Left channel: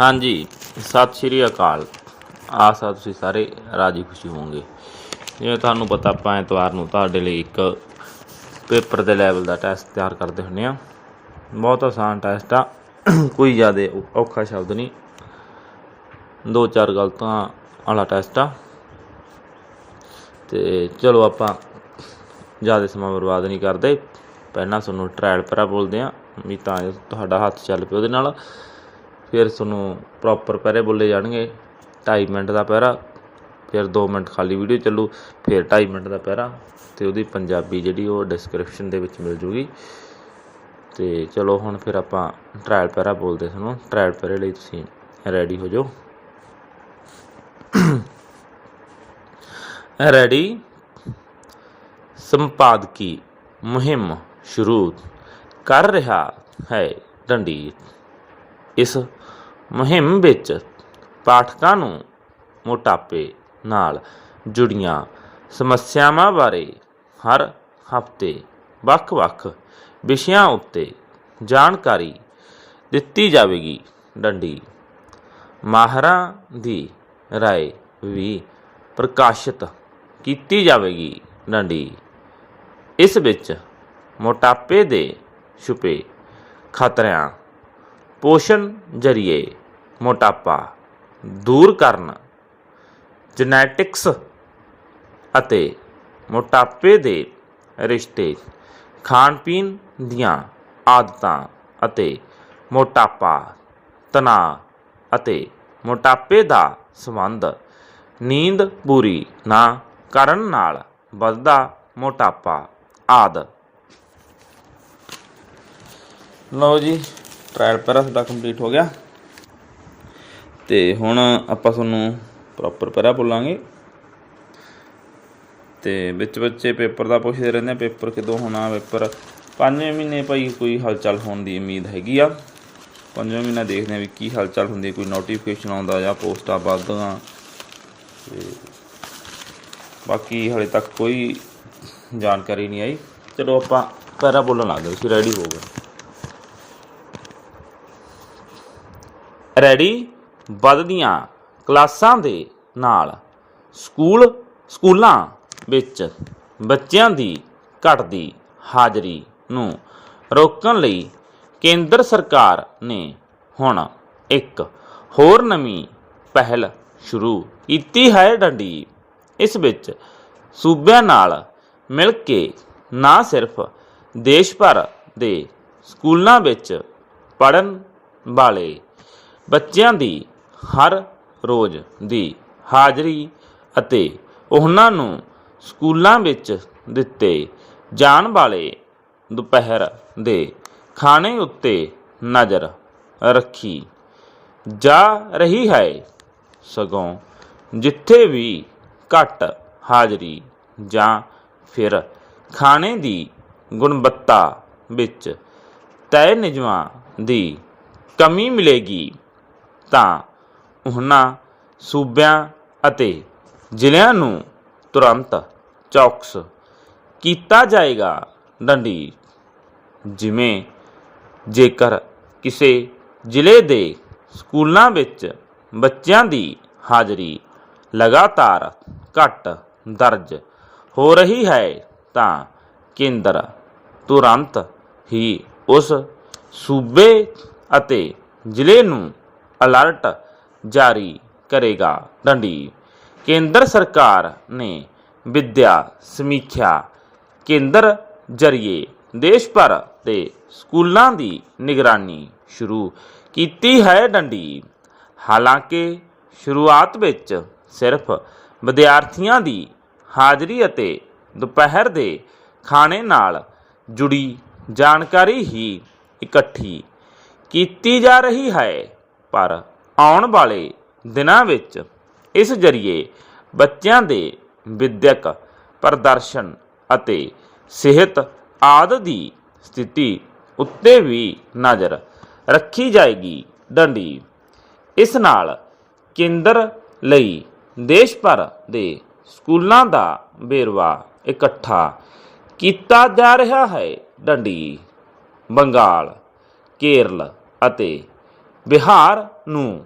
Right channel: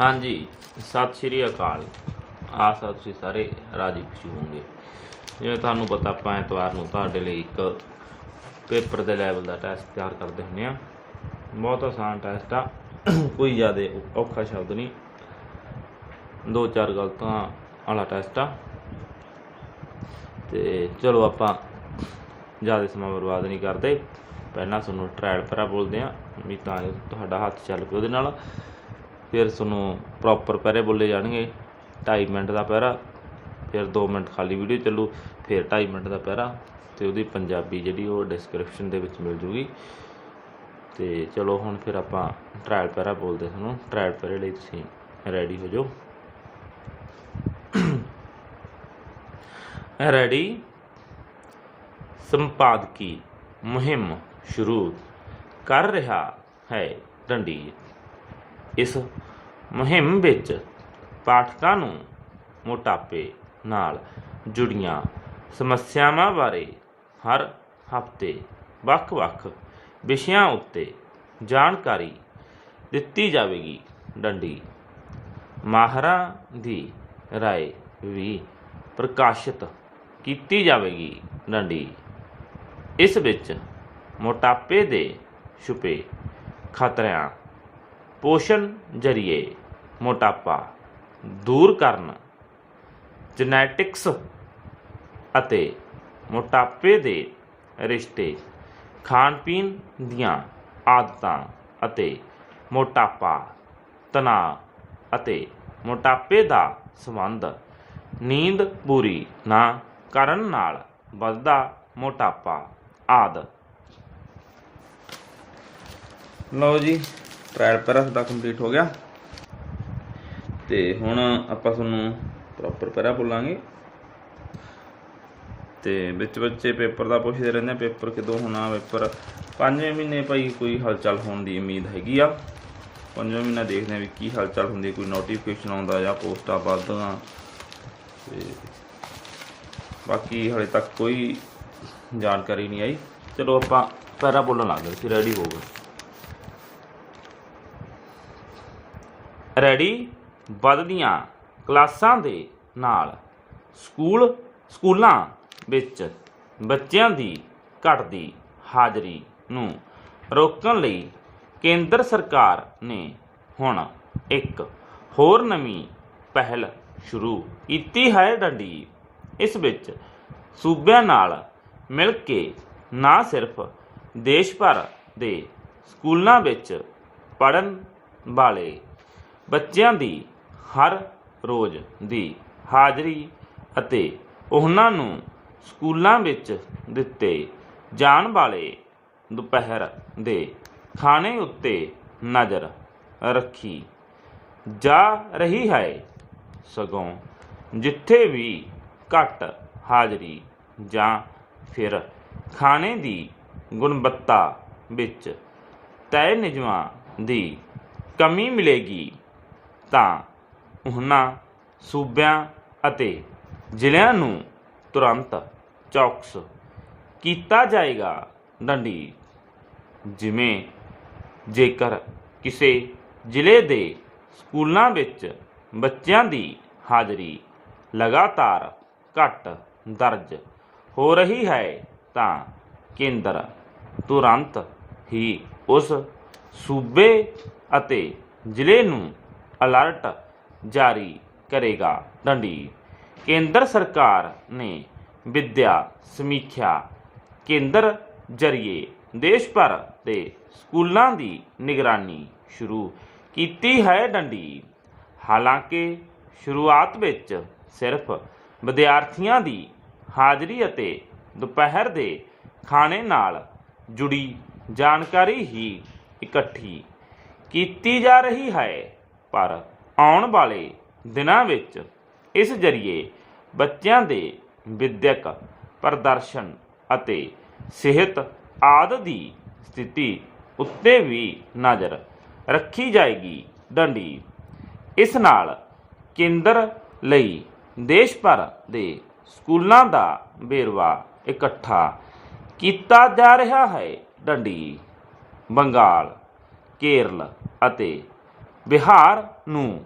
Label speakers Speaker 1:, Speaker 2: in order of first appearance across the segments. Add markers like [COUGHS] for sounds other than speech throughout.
Speaker 1: ਹਾਂਜੀ, ਸਤਿ ਸ਼੍ਰੀ ਅਕਾਲ। ਆਸ ਆ ਤੁਸੀਂ ਸਾਰੇ ਰਾਜੀ ਖੁਸ਼ੀ ਹੋਵੋਗੇ। ਜਿਵੇਂ ਤੁਹਾਨੂੰ ਪਤਾ, ਆਪਾਂ ਐਤਵਾਰ ਨੂੰ ਤੁਹਾਡੇ ਲਈ ਇੱਕ ਪੇਪਰ ਦੇ ਲੈਵਲ ਦਾ ਟੈਸਟ ਤਿਆਰ ਕਰਦੇ ਹੁੰਦੇ ਆ। ਬਹੁਤ ਆਸਾਨ ਟੈਸਟ ਆ। ਕੋਈ ਜ਼ਿਆਦਾ ਔਖਾ ਸ਼ਬਦ ਨਹੀਂ। ਦੋ ਚਾਰ ਗਲਤਾਂ ਵਾਲਾ ਟੈਸਟ ਆ। ਤੇ ਚਲੋ ਆਪਾਂ ਜ਼ਿਆਦਾ ਸਮਾਂ ਬਰਬਾਦ ਨਹੀਂ ਕਰਦੇ। ਪਹਿਲਾਂ ਤੁਹਾਨੂੰ ਟ੍ਰਾਇਲ ਪੈਰਾ ਬੋਲਦੇ ਆ, ਵੀ ਤਾਂ ਜੋ ਤੁਹਾਡਾ ਹੱਥ ਚੱਲ ਪਏ ਉਹਦੇ ਨਾਲ। ਫਿਰ ਤੁਹਾਨੂੰ ਪ੍ਰੋਪਰ ਪਹਿਰੇ ਬੋਲੇ ਜਾਣਗੇ। 2.5 ਮਿੰਟ ਦਾ ਪਹਿਰਾ, ਫਿਰ 2 ਮਿੰਟ ਖਾਲੀ ਵੀਡੀਓ ਚੱਲੂ, ਫਿਰ 2.5 ਮਿੰਟ ਦਾ ਪਹਿਰਾ ਤੇ ਉਹਦੀ ਪੰਜਾਬੀ ਜਿਹੜੀ ਉਹ ਡਿਸਕ੍ਰਿਪਸ਼ਨ ਦੇ ਵਿੱਚ ਮਿਲ ਜੂਗੀ। ਤੇ ਚਲੋ ਹੁਣ ਫਿਰ ਆਪਾਂ ਟ੍ਰਾਇਲ ਪਹਿਰਾ ਬੋਲਦੇ ਤੁਹਾਨੂੰ। ਟ੍ਰਾਇਲ ਪਹਿਰੇ ਲਈ ਤੁਸੀਂ ਰੈਡੀ ਹੋ ਜਾਓ। [COUGHS] ਰੈਡੀ ਸੰਪਾਦਕੀ ਮੁਹਿੰਮ ਸ਼ੁਰੂ ਕਰ ਰਿਹਾ ਹੈ ਡੰਡੀ ਇਸ ਮੁਹਿੰਮ ਵਿੱਚ ਪਾਠਕਾਂ ਨੂੰ ਮੋਟਾਪੇ ਨਾਲ ਜੁੜੀਆਂ ਸਮੱਸਿਆਵਾਂ ਬਾਰੇ ਹਰ ਹਫ਼ਤੇ ਵੱਖ-ਵੱਖ ਵਿਸ਼ਿਆਂ ਉੱਤੇ ਜਾਣਕਾਰੀ ਦਿੱਤੀ ਜਾਵੇਗੀ। ਡੰਡੀ ਮਾਹਰਾਂ ਦੀ ਰਾਏ ਵੀ ਪ੍ਰਕਾਸ਼ਿਤ ਕੀਤੀ ਜਾਵੇਗੀ। ਡੰਡੀ ਇਸ ਵਿੱਚ ਮੋਟਾਪੇ ਦੇ ਛੁਪੇ ਖਤਰਿਆਂ ਪੋਸ਼ਣ ਜਰੀਏ ਮੋਟਾਪਾ ਦੂਰ ਕਰਨ ਜੈਨੇਟਿਕਸ ਅਤੇ ਮੋਟਾਪੇ ਦੇ ਰਿਸ਼ਤੇ ਖਾਣ ਪੀਣ ਦੀਆਂ ਆਦਤਾਂ ਅਤੇ ਮੋਟਾਪਾ, ਤਣਾਅ ਅਤੇ ਮੋਟਾਪੇ ਦਾ ਸੰਬੰਧ ਨੀਂਦ ਪੂਰੀ ਨਾ ਕਰਨ ਨਾਲ ਵੱਧਦਾ ਮੋਟਾਪਾ ਆਦਿ। ਲਓ ਜੀ ਟ੍ਰਾਇਲ ਪੈਰਾ ਤੁਹਾਡਾ ਕੰਪਲੀਟ ਹੋ ਗਿਆ। ਤੇ ਹੁਣ ਆਪਾਂ ਤੁਹਾਨੂੰ ਪ੍ਰੋਪਰ ਪੈਰਾ ਬੋਲਾਂਗੇ। ਤੇ ਵਿੱਚ ਬੱਚੇ ਪੇਪਰ ਦਾ ਪੁੱਛਦੇ ਰਹਿੰਦੇ ਪੇਪਰ ਕਦੋਂ ਹੋਣਾ, ਪੇਪਰ ਪੰਜਵੇਂ ਮਹੀਨੇ ਭਾਈ ਕੋਈ ਹਲਚਲ ਹੋਣ ਦੀ ਉਮੀਦ ਹੈਗੀ ਆ। ਪੰਜਵੇਂ ਮਹੀਨਾ ਦੇਖਦੇ ਆ ਵੀ ਕੀ ਹਲਚਲ ਹੁੰਦੀ, ਕੋਈ ਨੋਟੀਫਿਕੇਸ਼ਨ ਆਉਂਦਾ ਜਾਂ ਪੋਸਟਾਂ ਵੱਧਦੀਆਂ। ਤੇ ਬਾਕੀ ਹਲੇ ਤੱਕ ਕੋਈ ਜਾਣਕਾਰੀ ਨਹੀਂ ਆਈ। ਚਲੋ ਆਪਾਂ ਪੈਰਾ ਬੋਲਣ ਲੱਗ ਗਏ, ਤੁਸੀਂ ਰੈਡੀ ਹੋ ਗਏ। ਰੈਡੀ? ਵੱਧਦੀਆਂ ਕਲਾਸਾਂ ਦੇ ਨਾਲ ਸਕੂਲ, ਸਕੂਲਾਂ ਵਿੱਚ ਬੱਚਿਆਂ ਦੀ ਘਟਦੀ ਹਾਜ਼ਰੀ ਨੂੰ ਰੋਕਣ ਲਈ ਕੇਂਦਰ ਸਰਕਾਰ ਨੇ ਹੁਣ ਇੱਕ ਹੋਰ ਨਵੀਂ ਪਹਿਲ ਸ਼ੁਰੂ ਕੀਤੀ ਹੈ ਡੰਡੀ। ਇਸ ਵਿੱਚ ਸੂਬਿਆਂ ਨਾਲ ਮਿਲ ਕੇ ਨਾ ਸਿਰਫ ਦੇਸ਼ ਭਰ ਦੇ ਸਕੂਲਾਂ ਵਿੱਚ ਪੜਨ ਵਾਲੇ ਬੱਚਿਆਂ ਦੀ ਹਰ ਰੋਜ਼ ਦੀ ਹਾਜ਼ਰੀ ਅਤੇ ਉਹਨਾਂ ਨੂੰ ਸਕੂਲਾਂ ਵਿੱਚ ਦਿੱਤੇ ਜਾਣ ਵਾਲੇ ਦੁਪਹਿਰ ਦੇ ਖਾਣੇ ਉੱਤੇ ਨਜ਼ਰ ਰੱਖੀ ਜਾ ਰਹੀ ਹੈ ਸਗੋਂ ਜਿੱਥੇ ਵੀ ਘੱਟ ਹਾਜ਼ਰੀ ਜਾਂ ਫਿਰ ਖਾਣੇ ਦੀ ਗੁਣਵੱਤਾ ਵਿੱਚ ਤੈਅ ਨਿਯਮਾਂ ਦੀ ਕਮੀ ਮਿਲੇਗੀ ਤਾਂ ਉਹਨਾਂ ਸੂਬਿਆਂ ਅਤੇ ਜ਼ਿਲ੍ਹਿਆਂ ਨੂੰ ਤੁਰੰਤ ਚੌਕਸ ਕੀਤਾ ਜਾਏਗਾ। ਡੰਡੀ ਜਿਵੇਂ ਜੇਕਰ ਕਿਸੇ ਜ਼ਿਲ੍ਹੇ ਦੇ ਸਕੂਲਾਂ ਵਿੱਚ ਬੱਚਿਆਂ ਦੀ ਹਾਜ਼ਰੀ ਲਗਾਤਾਰ ਘੱਟ ਦਰਜ ਹੋ ਰਹੀ ਹੈ, ਤਾਂ ਕੇਂਦਰ ਤੁਰੰਤ ਹੀ ਉਸ ਸੂਬੇ ਅਤੇ ਜ਼ਿਲ੍ਹੇ ਨੂੰ ਅਲਰਟ ਜਾਰੀ ਕਰੇਗਾ। ਡੰਡੀ। ਕੇਂਦਰ ਸਰਕਾਰ ਨੇ ਵਿਦਿਆ ਸਮੀਖਿਆ ਕੇਂਦਰ ਜਰੀਏ ਦੇਸ਼ ਭਰ ਦੇ ਸਕੂਲਾਂ ਦੀ ਨਿਗਰਾਨੀ ਸ਼ੁਰੂ ਕੀਤੀ ਹੈ ਡੰਡੀ। ਹਾਲਾਂਕਿ ਸ਼ੁਰੂਆਤ ਵਿੱਚ ਸਿਰਫ ਵਿਦਿਆਰਥੀਆਂ ਦੀ ਹਾਜ਼ਰੀ ਅਤੇ ਦੁਪਹਿਰ ਦੇ ਖਾਣੇ ਨਾਲ ਜੁੜੀ ਜਾਣਕਾਰੀ ਹੀ ਇਕੱਠੀ ਕੀਤੀ ਜਾ ਰਹੀ ਹੈ। ਪਰ ਆਉਣ ਵਾਲੇ ਦਿਨਾਂ ਵਿੱਚ ਇਸ ਜਰੀਏ ਬੱਚਿਆਂ ਦੇ ਵਿਦਿਅਕ ਪ੍ਰਦਰਸ਼ਨ ਅਤੇ ਸਿਹਤ ਆਦਿ ਦੀ ਸਥਿਤੀ ਉੱਤੇ ਵੀ ਨਜ਼ਰ ਰੱਖੀ ਜਾਏਗੀ ਡੰਡੀ। ਇਸ ਨਾਲ ਕੇਂਦਰ ਲਈ ਦੇਸ਼ ਭਰ ਦੇ ਸਕੂਲਾਂ ਦਾ ਵੇਰਵਾ ਇਕੱਠਾ ਕੀਤਾ ਜਾ ਰਿਹਾ ਹੈ। ਡੰਡੀ, ਬੰਗਾਲ, ਕੇਰਲ ਅਤੇ ਬਿਹਾਰ ਨੂੰ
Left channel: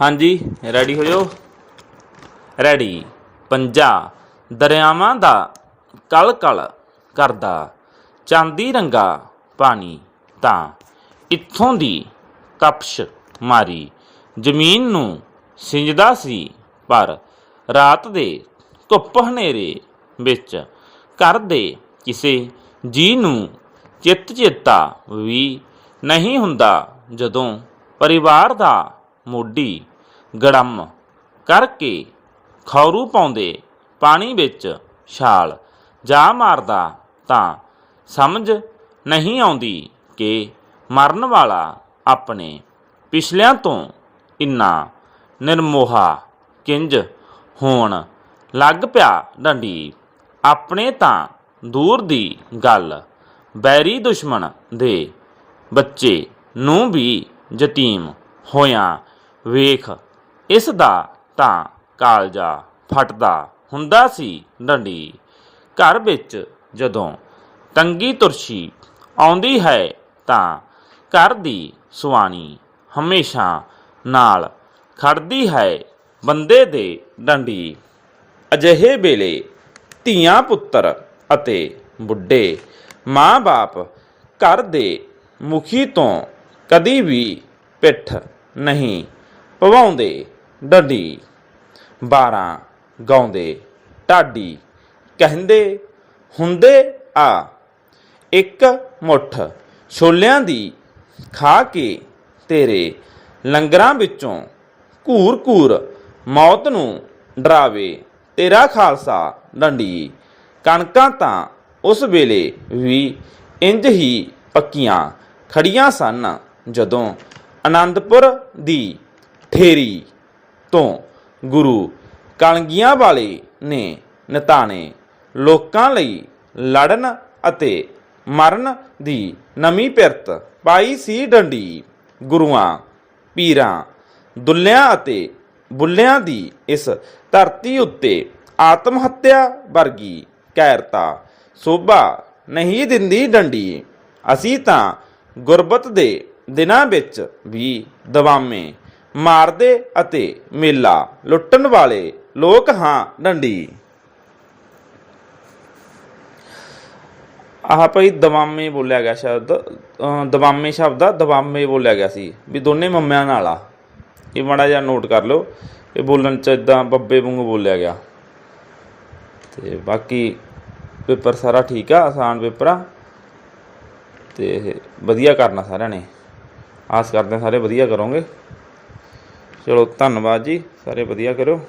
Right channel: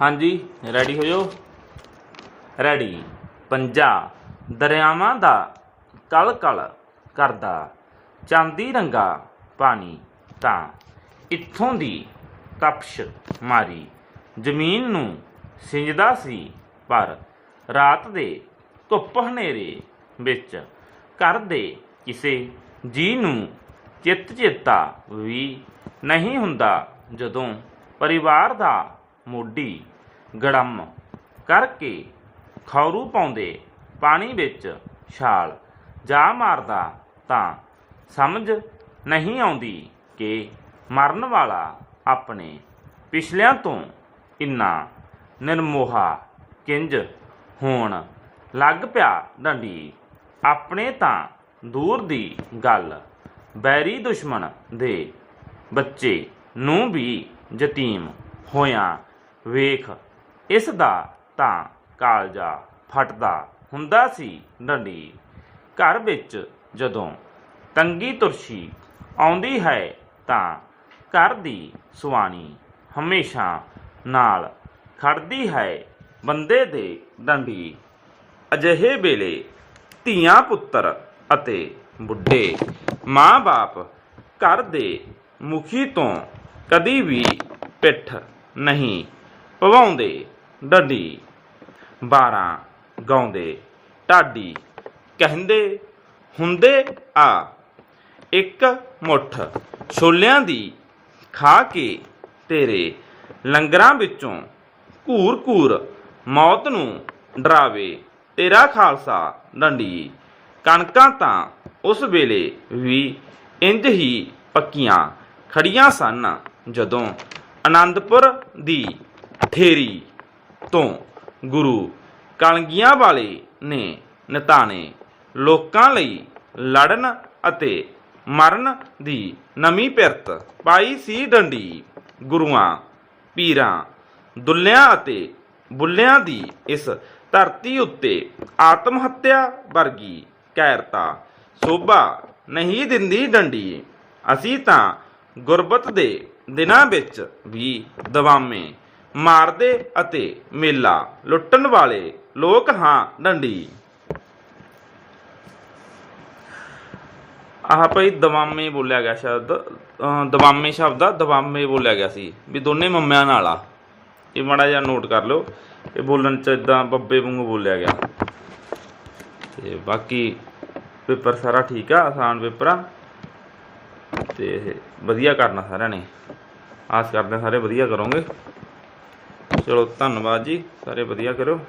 Speaker 1: ਹਾਂਜੀ ਰੈਡੀ ਹੋ ਜਾਓ ਰੈਡੀ ਪੰਜਾ, ਦਰਿਆਵਾਂ ਦਾ ਕਲ ਕਲ ਕਰਦਾ, ਚਾਂਦੀ ਰੰਗਾ ਪਾਣੀ ਤਾਂ। ਇੱਥੋਂ ਦੀ ਕਪਸ਼ ਮਾਰੀ, ਜ਼ਮੀਨ ਨੂੰ ਸਿੰਜਦਾ ਸੀ ਪਰ ਰਾਤ ਦੇ ਧੁੱਪ ਹਨੇਰੇ ਵਿੱਚ ਘਰ ਦੇ ਕਿਸੇ ਜੀ ਨੂੰ ਚਿੱਤ ਚੇਤਾ ਵੀ ਨਹੀਂ ਹੁੰਦਾ ਜਦੋਂ ਪਰਿਵਾਰ ਦਾ ਮੋਢੀ ਗੜਮ ਕਰਕੇ ਖੌਰੂ ਪਾਉਂਦੇ, ਪਾਣੀ ਵਿੱਚ ਛਾਲ ਜਾ ਮਾਰਦਾ ਤਾਂ ਸਮਝ ਨਹੀਂ ਆਉਂਦੀ ਕਿ ਮਰਨ ਵਾਲਾ ਆਪਣੇ ਪਿਛਲਿਆਂ ਤੋਂ ਇੰਨਾ ਨਿਰਮੋਹਾ ਕਿੰਜ ਹੋਣ ਲੱਗ ਪਿਆ। ਡੰਡੀ, ਆਪਣੇ ਤਾਂ ਦੂਰ ਦੀ ਗੱਲ, ਬੈਰੀ ਦੁਸ਼ਮਣ ਦੇ ਬੱਚੇ ਨੂੰ ਵੀ ਯਤੀਮ ਹੋਇਆ ਵੇਖ ਇਸ ਦਾ ਤਾਂ ਕਾਲਜਾ ਫਟਦਾ ਹੁੰਦਾ ਸੀ ਡੰਡੀ ਘਰ ਵਿੱਚ ਜਦੋਂ ਤੰਗੀ ਤੁਰਸ਼ੀ ਆਉਂਦੀ ਹੈ ਤਾਂ ਘਰ ਦੀ ਸੁਆਣੀ ਹਮੇਸ਼ਾ ਨਾਲ ਖੜਦੀ ਹੈ ਬੰਦੇ ਦੇ ਡੰਡੀ ਅਜਿਹੇ ਵੇਲੇ ਧੀਆਂ ਪੁੱਤਰ ਅਤੇ ਬੁੱਢੇ ਮਾਂ-ਬਾਪ ਘਰ ਦੇ ਮੁਖੀ ਤੋਂ ਕਦੀ ਵੀ ਪਿੱਠ ਨਹੀਂ ਪਵਾਉਂਦੇ। ਡੰਡੀ। 12 ਗਾਉਂਦੇ, ਢਾਡੀ। ਕਹਿੰਦੇ, ਹੁੰਦੇ ਆ। ਇੱਕ ਮੁੱਠ ਛੋਲਿਆਂ ਦੀ ਖਾ ਕੇ ਤੇਰੇ ਲੰਗਰਾਂ ਵਿੱਚੋਂ ਘੂਰ ਘੂਰ ਮੌਤ ਨੂੰ ਡਰਾਵੇ ਤੇਰਾ ਖਾਲਸਾ ਡੰਡੀ। ਕਣਕਾਂ ਤਾਂ ਉਸ ਵੇਲੇ ਵੀ ਇੰਜ ਹੀ ਪੱਕੀਆਂ ਖੜੀਆਂ ਸਨ ਜਦੋਂ ਆਨੰਦਪੁਰ ਦੀ ਠੇਰੀ ਤੋਂ ਗੁਰੂ ਕਲਗੀਆਂ ਵਾਲੇ ਨੇ ਨਿਤਾਣੇ ਲੋਕਾਂ ਲਈ ਲੜਨ ਅਤੇ ਮਰਨ ਦੀ ਨਵੀਂ ਪਿਰਤ ਪਾਈ ਸੀ ਡੰਡੀ। ਗੁਰੂਆਂ, ਪੀਰਾਂ, ਦੁੱਲਿਆਂ ਅਤੇ ਬੁੱਲਿਆਂ ਦੀ ਇਸ ਧਰਤੀ ਉੱਤੇ ਆਤਮ ਹੱਤਿਆ ਵਰਗੀ ਕੈਰਤਾ ਸੋਭਾ ਨਹੀਂ ਦਿੰਦੀ ਡੰਡੀ। ਅਸੀਂ ਤਾਂ ਗੁਰਬਤ ਦੇ ਦਿਨਾਂ ਵਿੱਚ ਵੀ ਦਵਾਮੇ। ਮਾਰਦੇ ਅਤੇ ਮੇਲਾ ਲੁੱਟਣ ਵਾਲੇ ਲੋਕ ਹਾਂ, ਡੰਡੀ। ਆਹ ਭਾਈ ਦਵਾਮੇ ਬੋਲਿਆ ਗਿਆ ਸ਼ਬਦ, ਅਹ ਦਵਾਮੇ ਸ਼ਬਦ ਆ, ਦਵਾਮੇ ਬੋਲਿਆ ਗਿਆ ਸੀ, ਵੀ ਦੋਨੇ ਮੰਮਿਆਂ ਨਾਲ ਆ। ਇਹ ਮਾੜਾ ਜਿਹਾ ਨੋਟ ਕਰ ਲਓ, ਇਹ ਬੋਲਣ ਚ ਇਦਾਂ ਬੱਬੇ ਵਾਂਗੂ ਬੋਲਿਆ ਗਿਆ। ਤੇ ਬਾਕੀ ਪੇਪਰ ਸਾਰਾ ਠੀਕ ਆ, ਆਸਾਨ ਪੇਪਰ ਆ। ਤੇ ਵਧੀਆ ਕਰਨਾ ਸਾਰਿਆਂ ਨੇ। ਆਸ ਕਰਦੇ ਸਾਰੇ ਵਧੀਆ ਕਰੋਗੇ। ਚਲੋ ਧੰਨਵਾਦ ਜੀ ਸਾਰੇ ਵਧੀਆ ਕਰੋ